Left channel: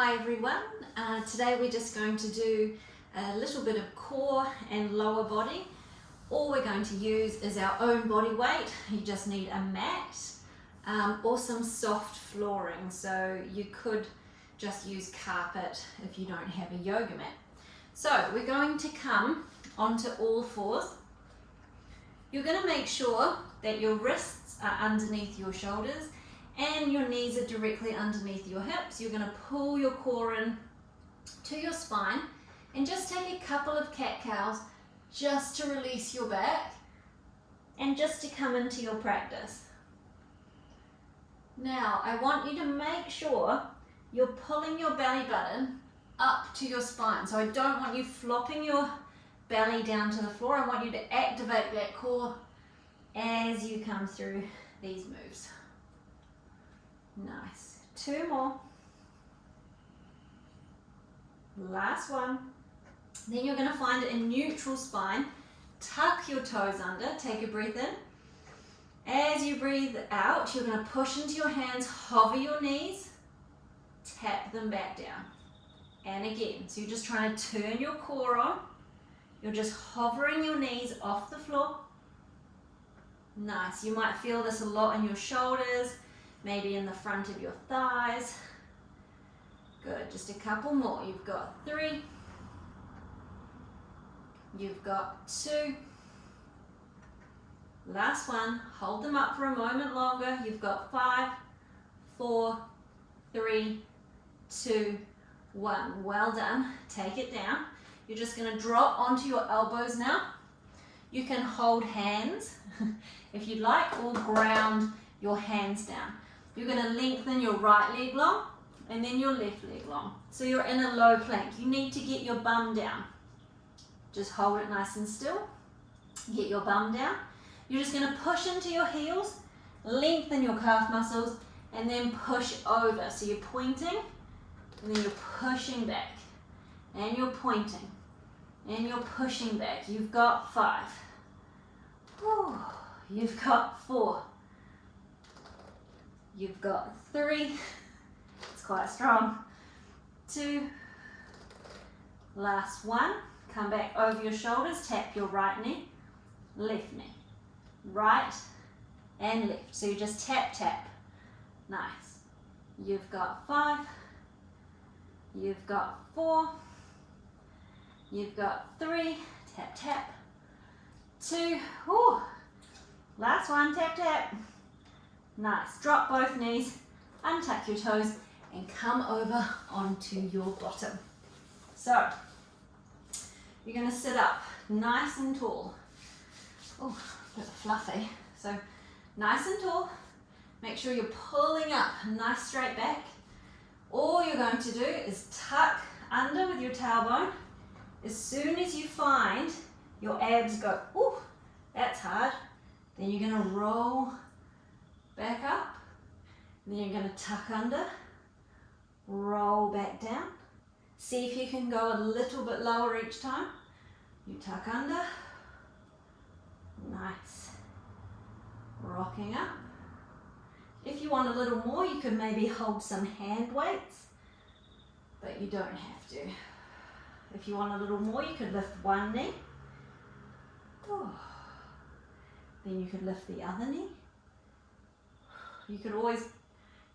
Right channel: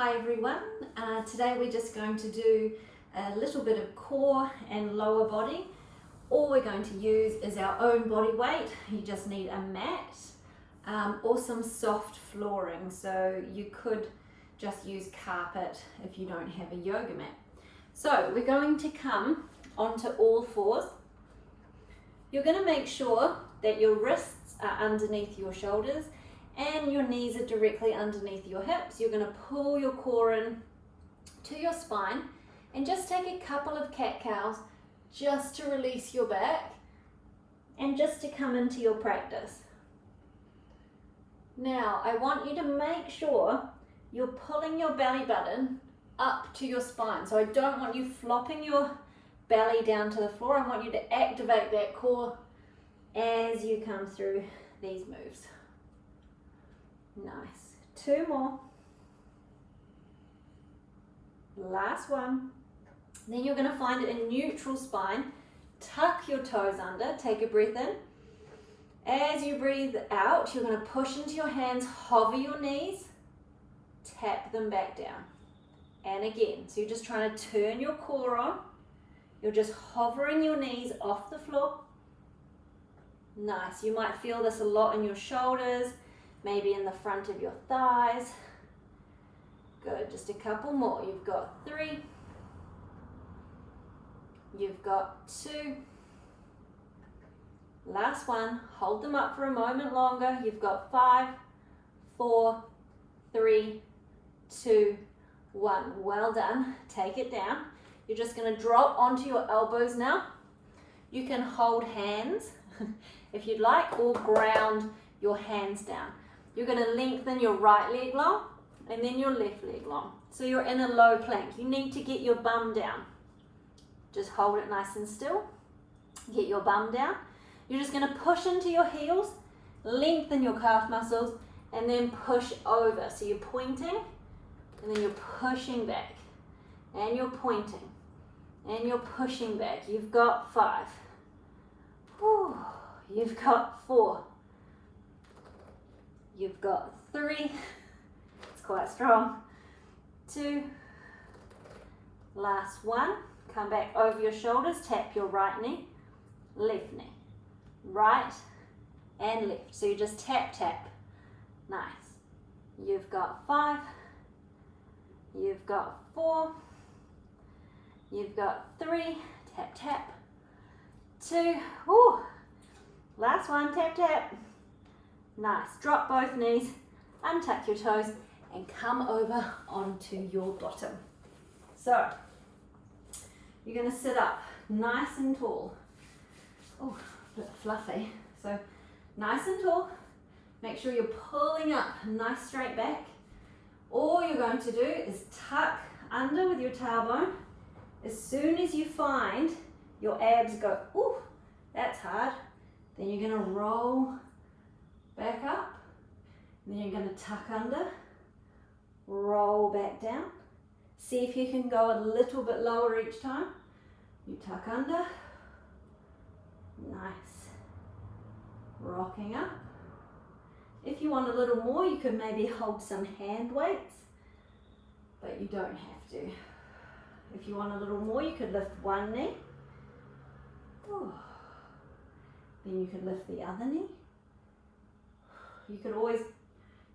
Hi everyone, today we're just going to do a little bit of core and lower body. All we're going to use is our own body weight. You just need a mat or some soft flooring, so you could just use carpet if you don't have a yoga mat. So we're going to come onto all fours. You're going to make sure that your wrists are underneath your shoulders and your knees are directly underneath your hips. You're going to pull your core in to your spine and just take a couple of cat-cows just to release your back and just to come into your practice. Now I want you to make sure you're pulling your belly button up to your spine. So I don't want you flopping your belly down to the floor. I want you to activate that core as you come through these moves. Nice. 2 more. Last one. Then you're going to find a neutral spine. Tuck your toes under. Take a breath in. As you breathe out, you're going to push into your hands, hover your knees, tap them back down. And again, so you're just trying to turn your core on. You're just hovering your knees off the floor. Nice. You might feel this a lot in your shoulders, maybe in the front of your thighs. Good, just a couple more. You've got 3. You've got 2. Last one. Hold them up for a moment longer. You've got 5, 4, 3, 2, 1. Well done. Take it down. You're just going to drop onto your elbows now. You can hold hands if you'd like, or ground your hands down. You're going to lengthen your right leg long and then your left leg long. So you're in a low plank. You need to get your bum down. Just hold it nice and still. Get your bum down. You're just going to push into your heels, lengthen your calf muscles, and then push over. So you're pointing, and then you're pushing back, and you're pointing, and you're pushing back. You've got 5. Whew. You've got 4. You've got 3. It's quite strong. 2. Last one. Come back over your shoulders. Tap your right knee, left knee, right and left. So you just tap, tap. Nice. You've got 5. You've got 4. You've got 3. Tap, tap. 2. Whew. Last one. Tap, tap. Nice. Drop both knees, untuck your toes, and come over onto your bottom. So, you're going to sit up nice and tall. Oh, a bit fluffy. So, nice and tall. Make sure you're pulling up nice straight back. All you're going to do is tuck under with your tailbone. As soon as you find your abs go, ooh, that's hard, then you're going to roll back up, and then you're going to tuck under, roll back down. See if you can go a little bit lower each time. You tuck under, nice, rocking up. If you want a little more, you could maybe hold some hand weights, but you don't have to. If you want a little more, you could lift one knee. Oh. Then you could lift the other knee. You could always,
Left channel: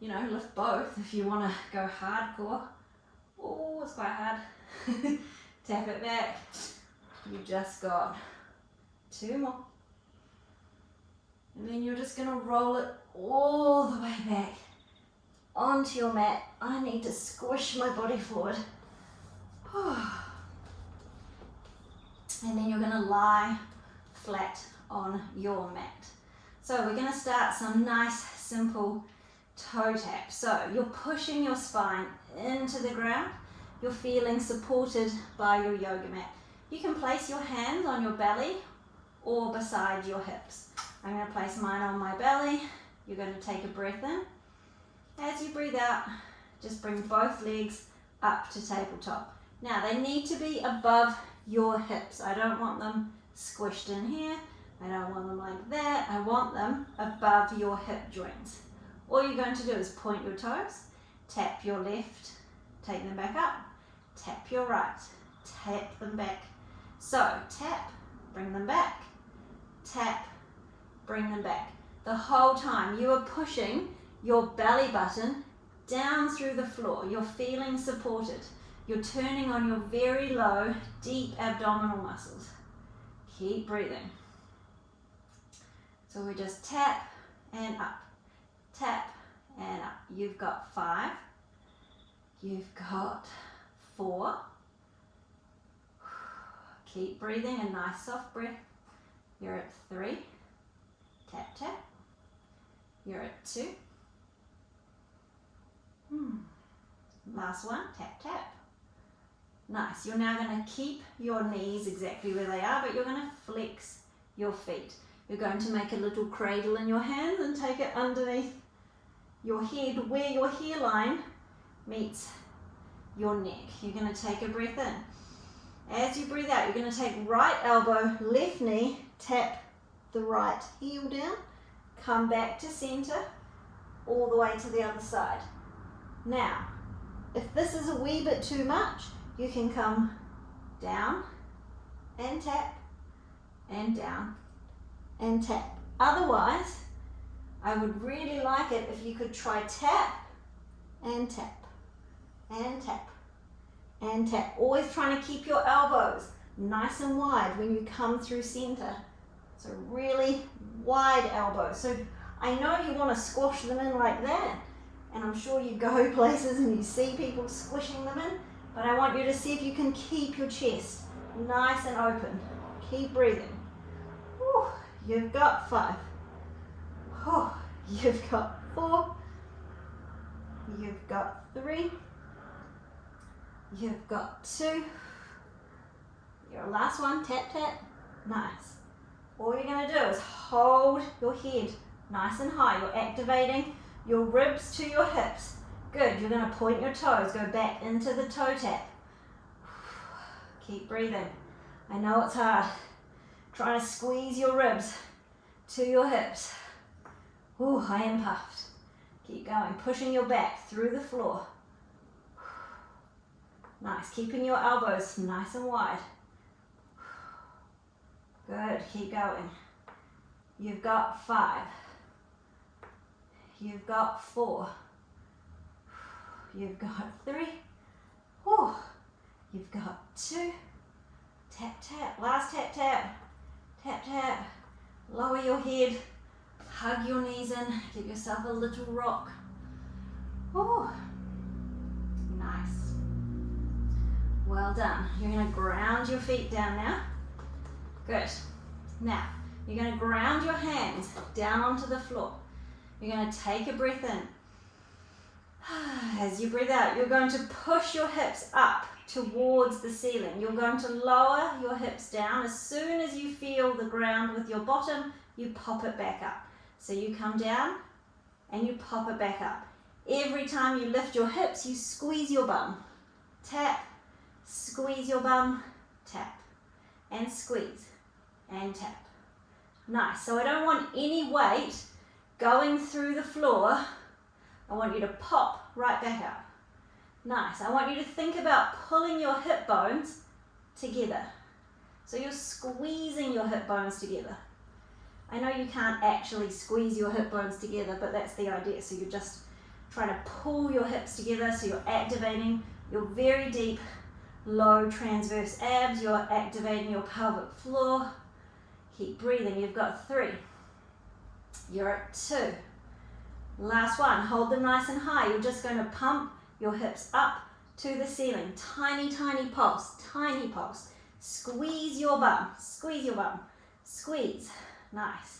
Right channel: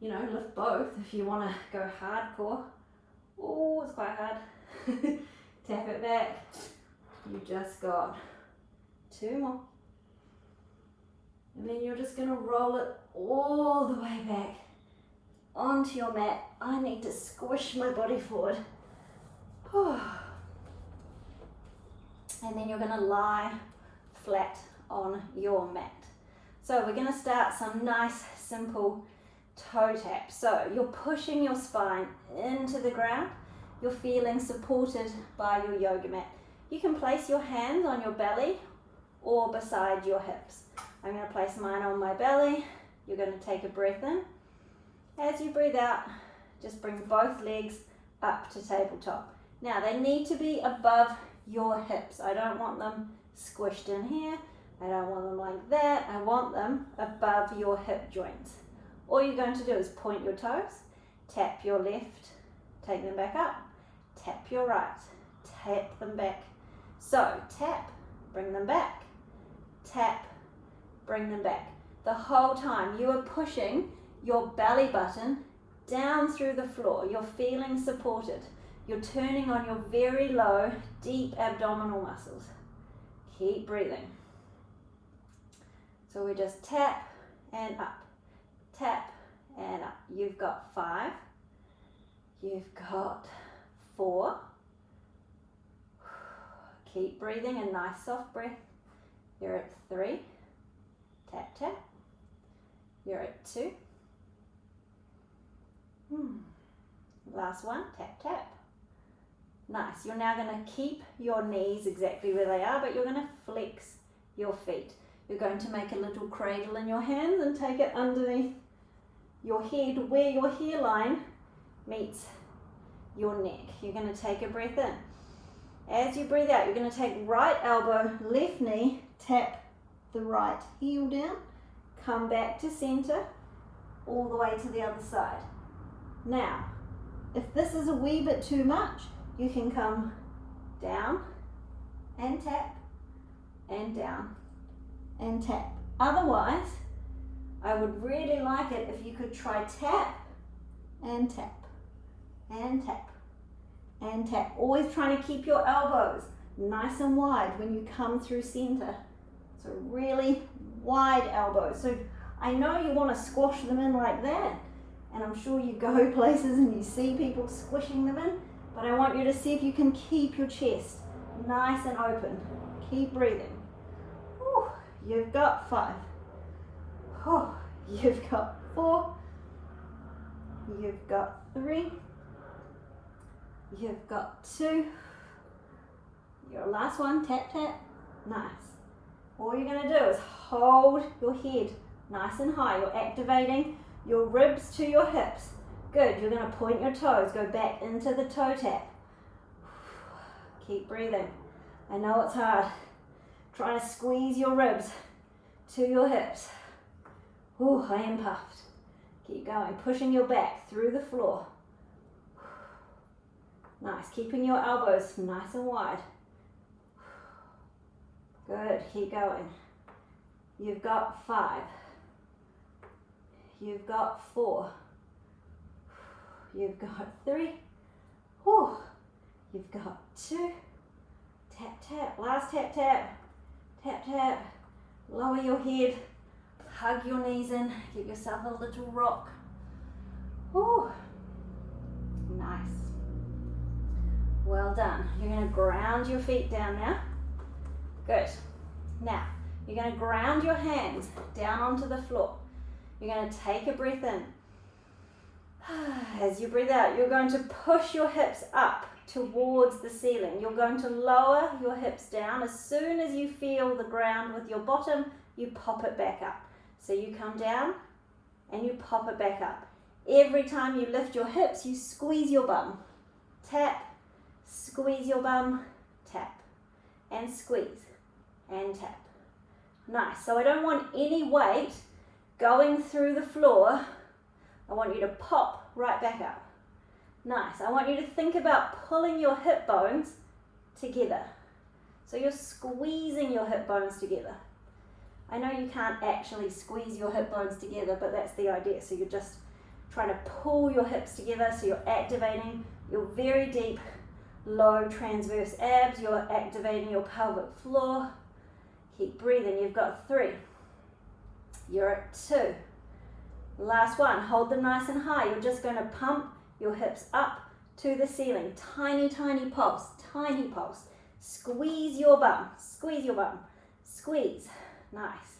lift both if you want to go hardcore. Oh, it's quite hard. Tap it back. You just got 2 more. And then you're just going to roll it all the way back onto your mat. I need to squish my body forward. And then you're going to lie flat on your mat. So we're going to start some nice simple toe taps. So you're pushing your spine into the ground. You're feeling supported by your yoga mat. You can place your hands on your belly or beside your hips. I'm going to place mine on my belly. You're going to take a breath in. As you breathe out, just bring both legs up to tabletop. Now they need to be above your hips. I don't want them squished in here. I don't want them like that. I want them above your hip joints. All you're going to do is point your toes, tap your left take them back up. Tap your right, tap them back. So tap, bring them back, tap, bring them back. The whole time you are pushing your belly button down through the floor. You're feeling supported. You're turning on your very low, deep abdominal muscles. Keep breathing. So we just tap and up, tap and up. You've got 5. You've got 4. Keep breathing, a nice soft breath. You're at 3. Tap, tap. You're at 2. Last one, tap, tap. Nice. You're now going to keep your knees exactly where they are, but you're going to flex your feet. You're going to make a little cradle in your hands and take it underneath your head where your hairline meets your neck. You're going to take a breath in. As you breathe out, you're going to take right elbow, left knee, tap the right heel down, come back to center, all the way to the other side. Now, if this is a wee bit too much, you can come down and tap and down and tap. Otherwise, I would really like it if you could try tap and tap and tap and tap. Always trying to keep your elbows nice and wide when you come through center. So really wide elbows. So I know you want to squash them in like that, and I'm sure you go places and you see people squishing them in, but I want you to see if you can keep your chest nice and open. Keep breathing. Whew. You've got 5. Whew. You've got 4. You've got 3. You've got 2. Your last one, tap, tap. Nice. All you're going to do is hold your head nice and high. You're activating your ribs to your hips. Good. You're going to point your toes. Go back into the toe tap. Keep breathing. I know it's hard. Trying to squeeze your ribs to your hips. Ooh, I am puffed. Keep going. Pushing your back through the floor. Nice. Keeping your elbows nice and wide. Good. Keep going. You've got 5. You've got 4. You've got 3. Whew. You've got 2. Tap, tap. Last tap, tap. Tap, tap. Lower your head. Hug your knees in. Give yourself a little rock. Whew. Nice. Well done. You're going to ground your feet down now. Good. Now, you're going to ground your hands down onto the floor. You're going to take a breath in. As you breathe out, you're going to push your hips up towards the ceiling. You're going to lower your hips down. As soon as you feel the ground with your bottom, you pop it back up. So you come down and you pop it back up. Every time you lift your hips, you squeeze your bum. Tap, squeeze your bum, tap, and squeeze, and tap. Nice. So I don't want any weight going through the floor. I want you to pop right back up. Nice. I want you to think about pulling your hip bones together. So you're squeezing your hip bones together. I know you can't actually squeeze your hip bones together, but that's the idea. So you're just trying to pull your hips together, so you're activating your very deep, low transverse abs. You're activating your pelvic floor. Keep breathing. You've got 3. You're at 2. Last one. Hold them nice and high. You're just going to pump your hips up to the ceiling. Tiny, tiny pulse. Tiny pulse. Squeeze your bum. Squeeze your bum. Squeeze. Nice.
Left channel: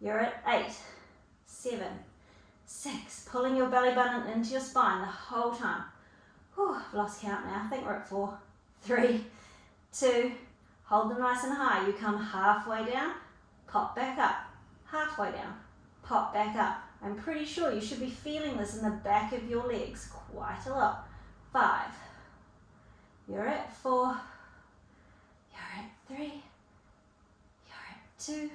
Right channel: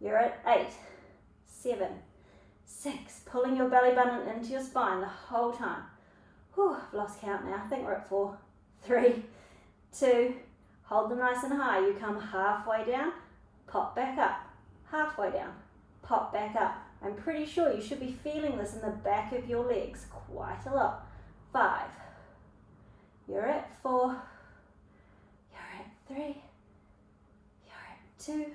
You're at 8, 7, 6. Pulling your belly button into your spine the whole time. Whew, I've lost count now. I think we're at 4, 3, 2. Hold them nice and high. You come halfway down, pop back up. Halfway down, pop back up. I'm pretty sure you should be feeling this in the back of your legs quite a lot. 5. You're at 4. You're at 3. You're at 2.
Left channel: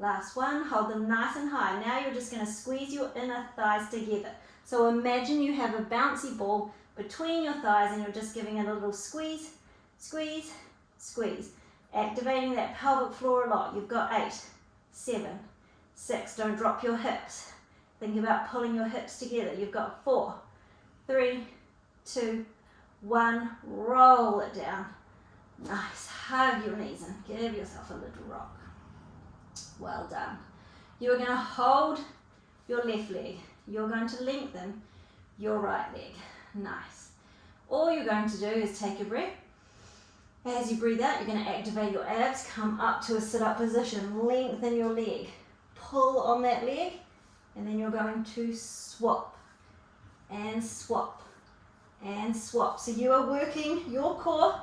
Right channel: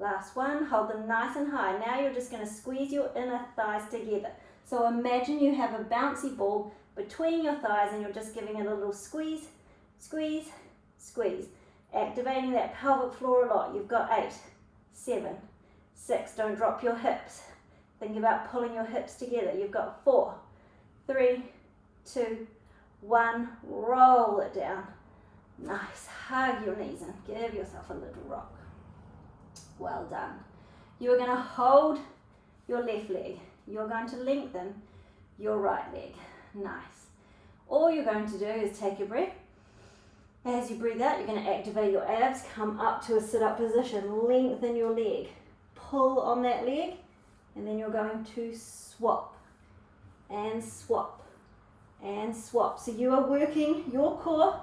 Last one, hold them nice and high. Now you're just going to squeeze your inner thighs together. So imagine you have a bouncy ball between your thighs and you're just giving it a little squeeze, squeeze, squeeze. Activating that pelvic floor a lot. You've got 8, 7, 6. Don't drop your hips. Think about pulling your hips together. You've got 4, 3, 2, 1. Roll it down. Nice. Hug your knees and give yourself a little rock. Well done. You're going to hold your left leg. You're going to lengthen your right leg. Nice. All you're going to do is take a breath. As you breathe out, you're going to activate your abs, come up to a sit-up position, lengthen your leg, pull on that leg, and then you're going to swap and swap and swap. So you are working your core,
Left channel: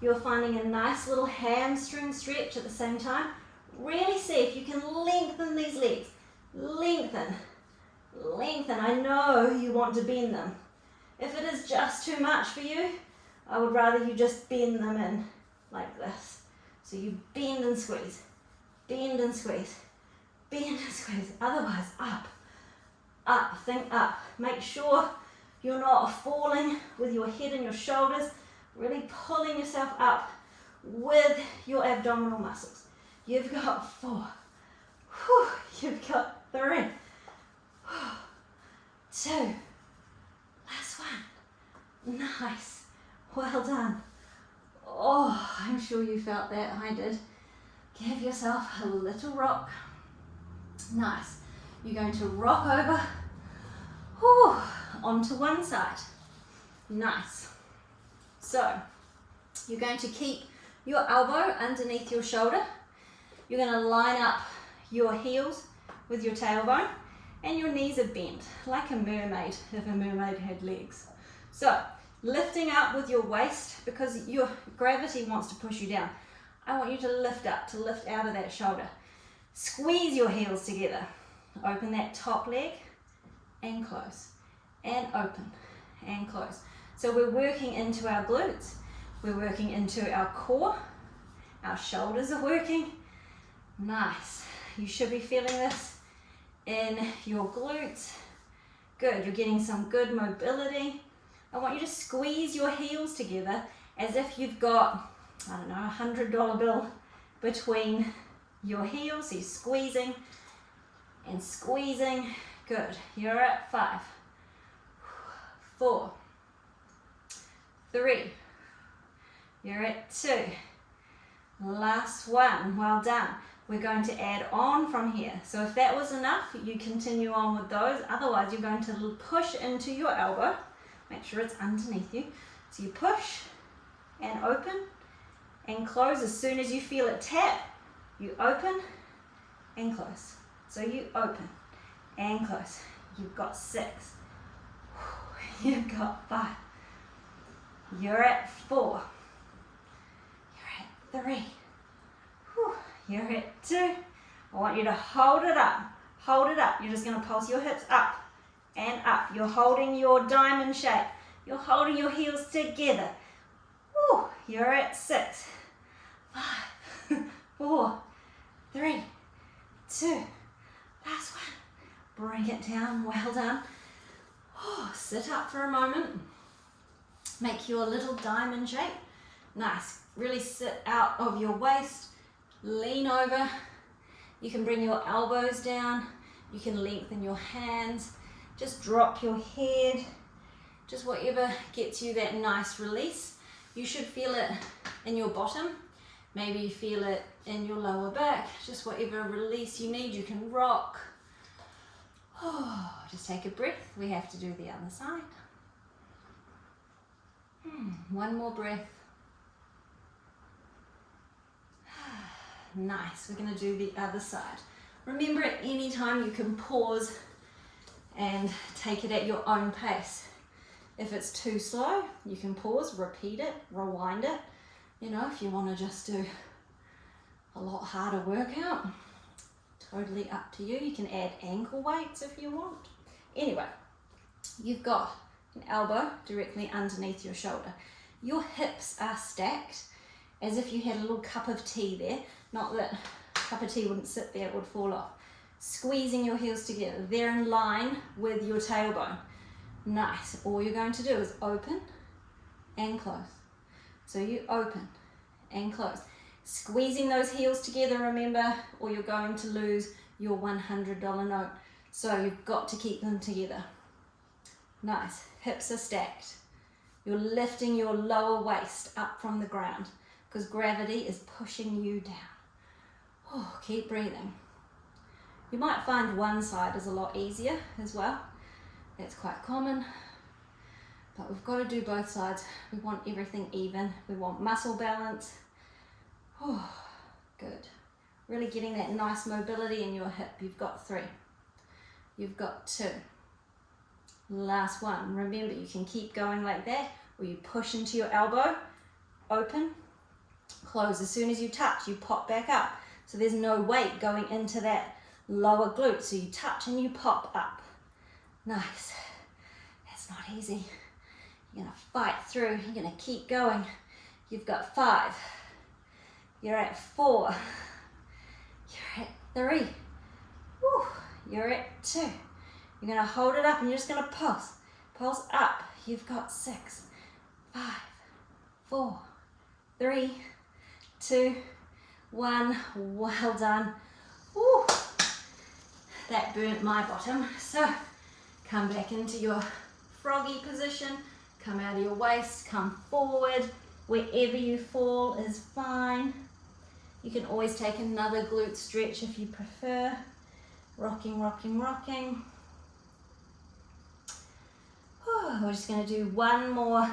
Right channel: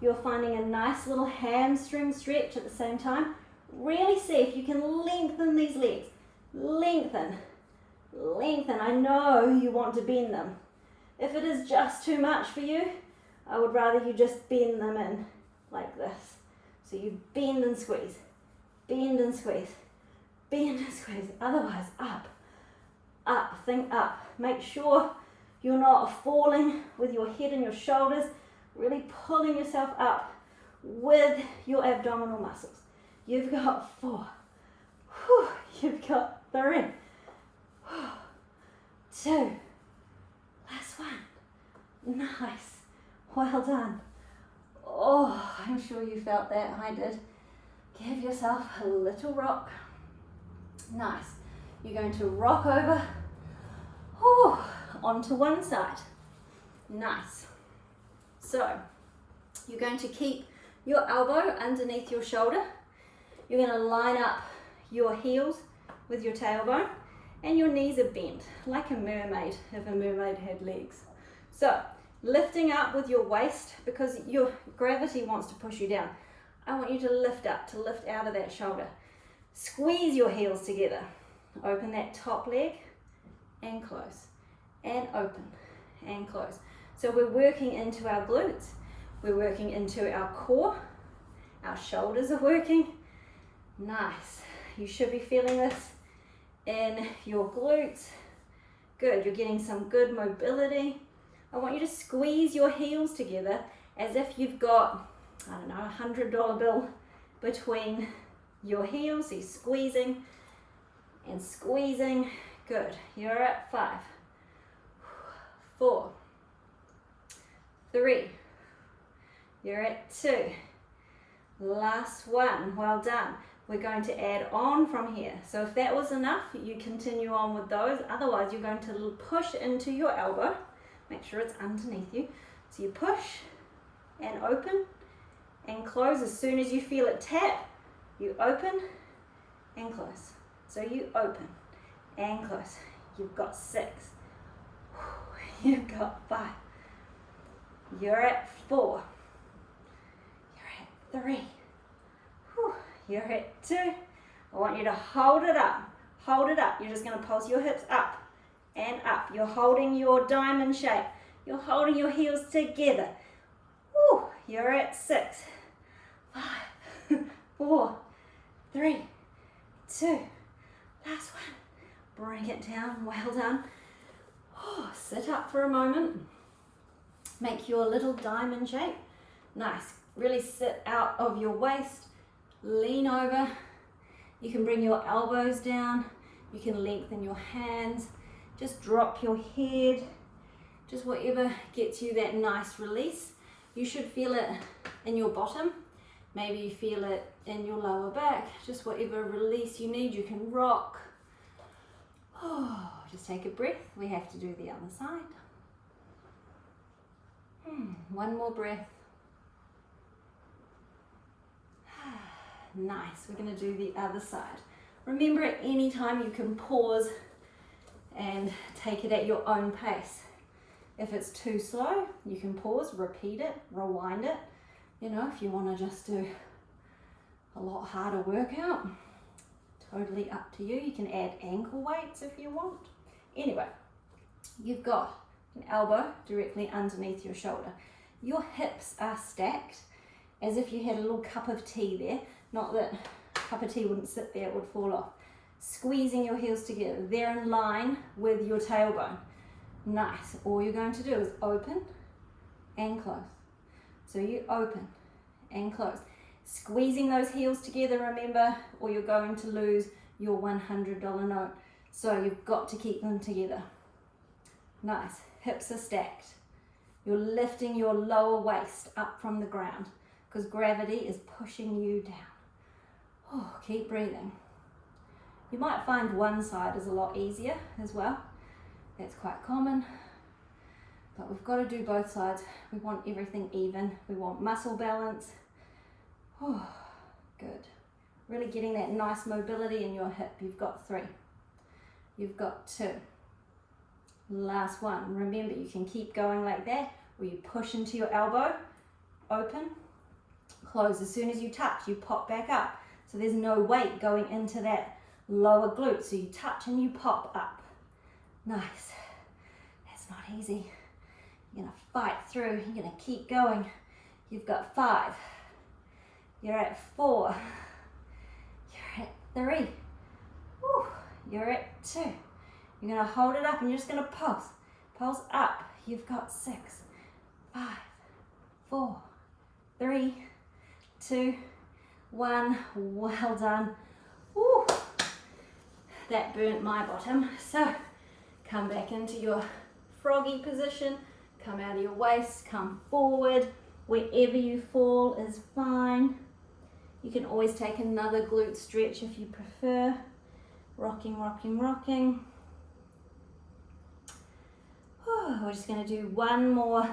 you're finding a nice little hamstring stretch at the same time. Really see if you can lengthen these legs. Lengthen, lengthen. I know you want to bend them. If it is just too much for you, I would rather you just bend them in like this. So you bend and squeeze, bend and squeeze, bend and squeeze. Otherwise, up, up, think up. Make sure you're not falling with your head and your shoulders, really pulling yourself up with your abdominal muscles. You've got 4, you've got 3, 2, last one. Nice. Well done. Oh, I'm sure you felt that. I did. Give yourself a little rock. Nice. You're going to rock over onto one side. Nice. So, you're going to keep your elbow underneath your shoulder. You're going to line up your heels with your tailbone and your knees are bent like a mermaid if a mermaid had legs. So, lifting up with your waist because your gravity wants to push you down. I want you to lift up, to lift out of that shoulder. Squeeze your heels together. Open that top leg and close. And open and close. So we're working into our glutes. We're working into our core. Our shoulders are working. Nice. You should be feeling this in your glutes. Good. You're getting some good mobility. I want you to squeeze your heels together as if you've got, I don't know, $100 bill between your heels. So you're squeezing and squeezing. Good. You're at 5, 4, 3. You're at 2. Last one. Well done. We're going to add on from here. So if that was enough, you continue on with those. Otherwise, you're going to push into your elbow. Make sure it's underneath you. So you push and open and close. As soon as you feel it tap, you open and close. So you open and close. You've got 6. You've got 5. You're at 4. You're at 3. You're at 2. I want you to hold it up. Hold it up. You're just going to pulse your hips up and up. You're holding your diamond shape. You're holding your heels together. Woo. You're at 6, 5, 4, 3, 2. Last one. Bring it down. Well done. Sit up for a moment. Make your little diamond shape. Nice. Really sit out of your waist. Lean over. You can bring your elbows down. You can lengthen your hands. Just drop your head. Just whatever gets you that nice release. You should feel it in your bottom. Maybe you feel it in your lower back. Just whatever release you need. You can rock. Just take a breath. We have to do the other side. One more breath. Nice. We're going to do the other side. Remember, at any time you can pause and take it at your own pace. If it's too slow, you can pause, repeat it, rewind it. You know, if you want to just do a lot harder workout, totally up to you. You can add ankle weights if you want. Anyway, you've got an elbow directly underneath your shoulder. Your hips are stacked as if you had a little cup of tea there. Not that cup of tea wouldn't sit there, it would fall off. Squeezing your heels together. They're in line with your tailbone. Nice. All you're going to do is open and close. So you open and close. Squeezing those heels together, remember, or you're going to lose your $100 note. So you've got to keep them together. Nice. Hips are stacked. You're lifting your lower waist up from the ground because gravity is pushing you down. Oh, keep breathing. You might find one side is a lot easier as well. That's quite common. But we've got to do both sides. We want everything even. We want muscle balance. Oh, good. Really getting that nice mobility in your hip. You've got 3. You've got 2. Last one. Remember, you can keep going like that, or you push into your elbow, open, close. As soon as you touch, you pop back up. So there's no weight going into that lower glute. So you touch and you pop up. Nice. That's not easy. You're gonna fight through. You're gonna keep going. You've got 5. You're at 4. You're at 3. Woo. You're at 2. You're gonna hold it up and you're just gonna pulse. Pulse up. You've got 6, 5, 4, 3, 2, 1. Well done. Woo. That burnt my bottom. So come back into your froggy position. Come out of your waist. Come forward. Wherever you fall is fine. You can always take another glute stretch if you prefer. Rocking, rocking, rocking. We're just going to do one more,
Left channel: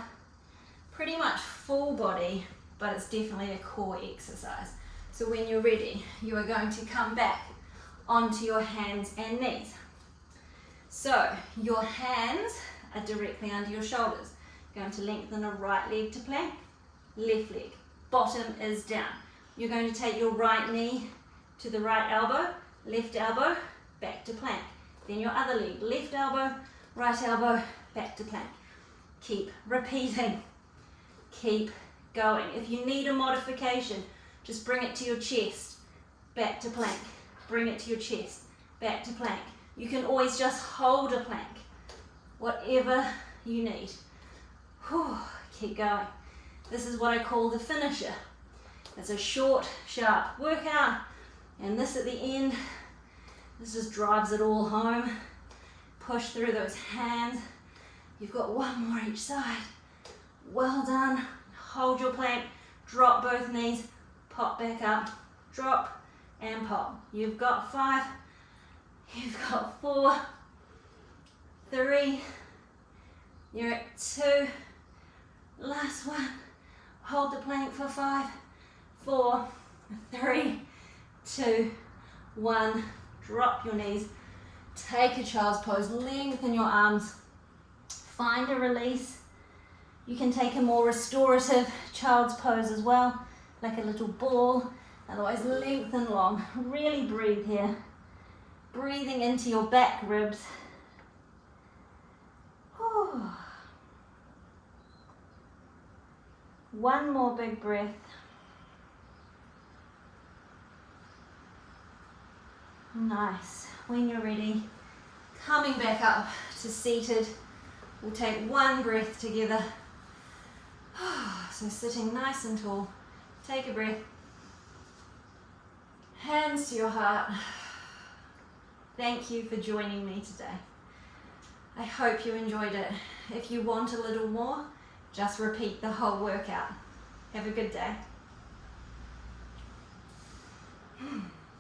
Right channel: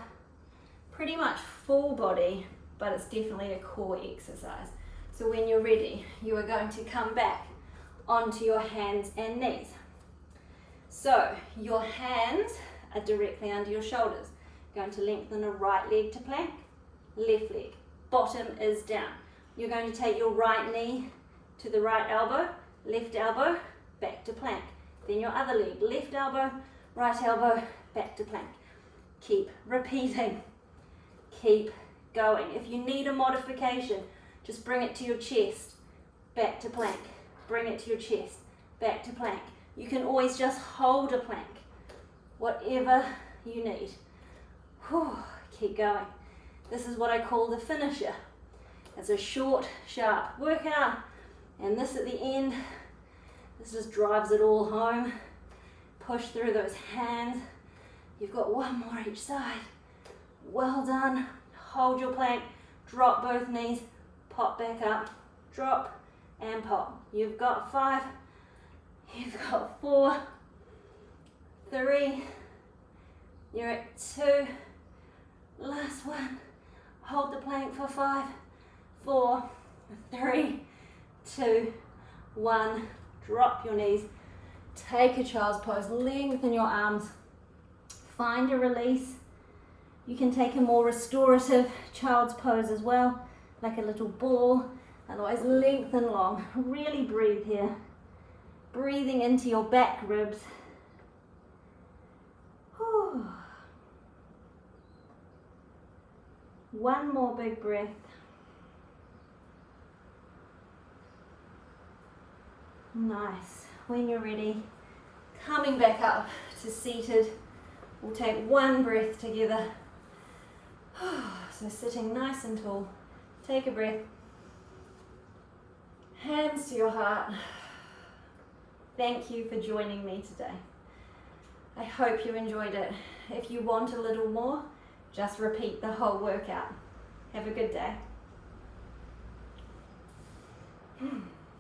pretty much full body, but it's definitely a core exercise. So when you're ready, you are going to come back onto your hands and knees. So your hands are directly under your shoulders. Going to lengthen the right leg to plank, left leg, bottom is down. You're going to take your right knee to the right elbow, left elbow, back to plank. Then your other leg, left elbow, right elbow, back to plank. Keep repeating. Keep going. If you need a modification, just bring it to your chest, back to plank. Bring it to your chest, back to plank. You can always just hold a plank, whatever you need. Whew, keep going. This is what I call the finisher. It's a short, sharp workout, and this at the end, this just drives it all home. Push through those hands. You've got one more each side. Well done. Hold your plank, drop both knees, pop back up, drop and pop. You've got 5, you've got 4, 3, you're at 2, last one. Hold the plank for 5, 4, 3, 2, 1. Drop your knees. Take a child's pose. Lengthen your arms. Find a release. You can take a more restorative child's pose as well, like a little ball. Otherwise, lengthen long. Really breathe here. Breathing into your back ribs. Whew. One more big breath. Nice. When you're ready, coming back up to seated, we'll take one breath together. So sitting nice and tall. Take a breath. Hands to your heart. Thank you for joining me today. I hope you enjoyed it. If you want a little more, just repeat the whole workout. Have a good day.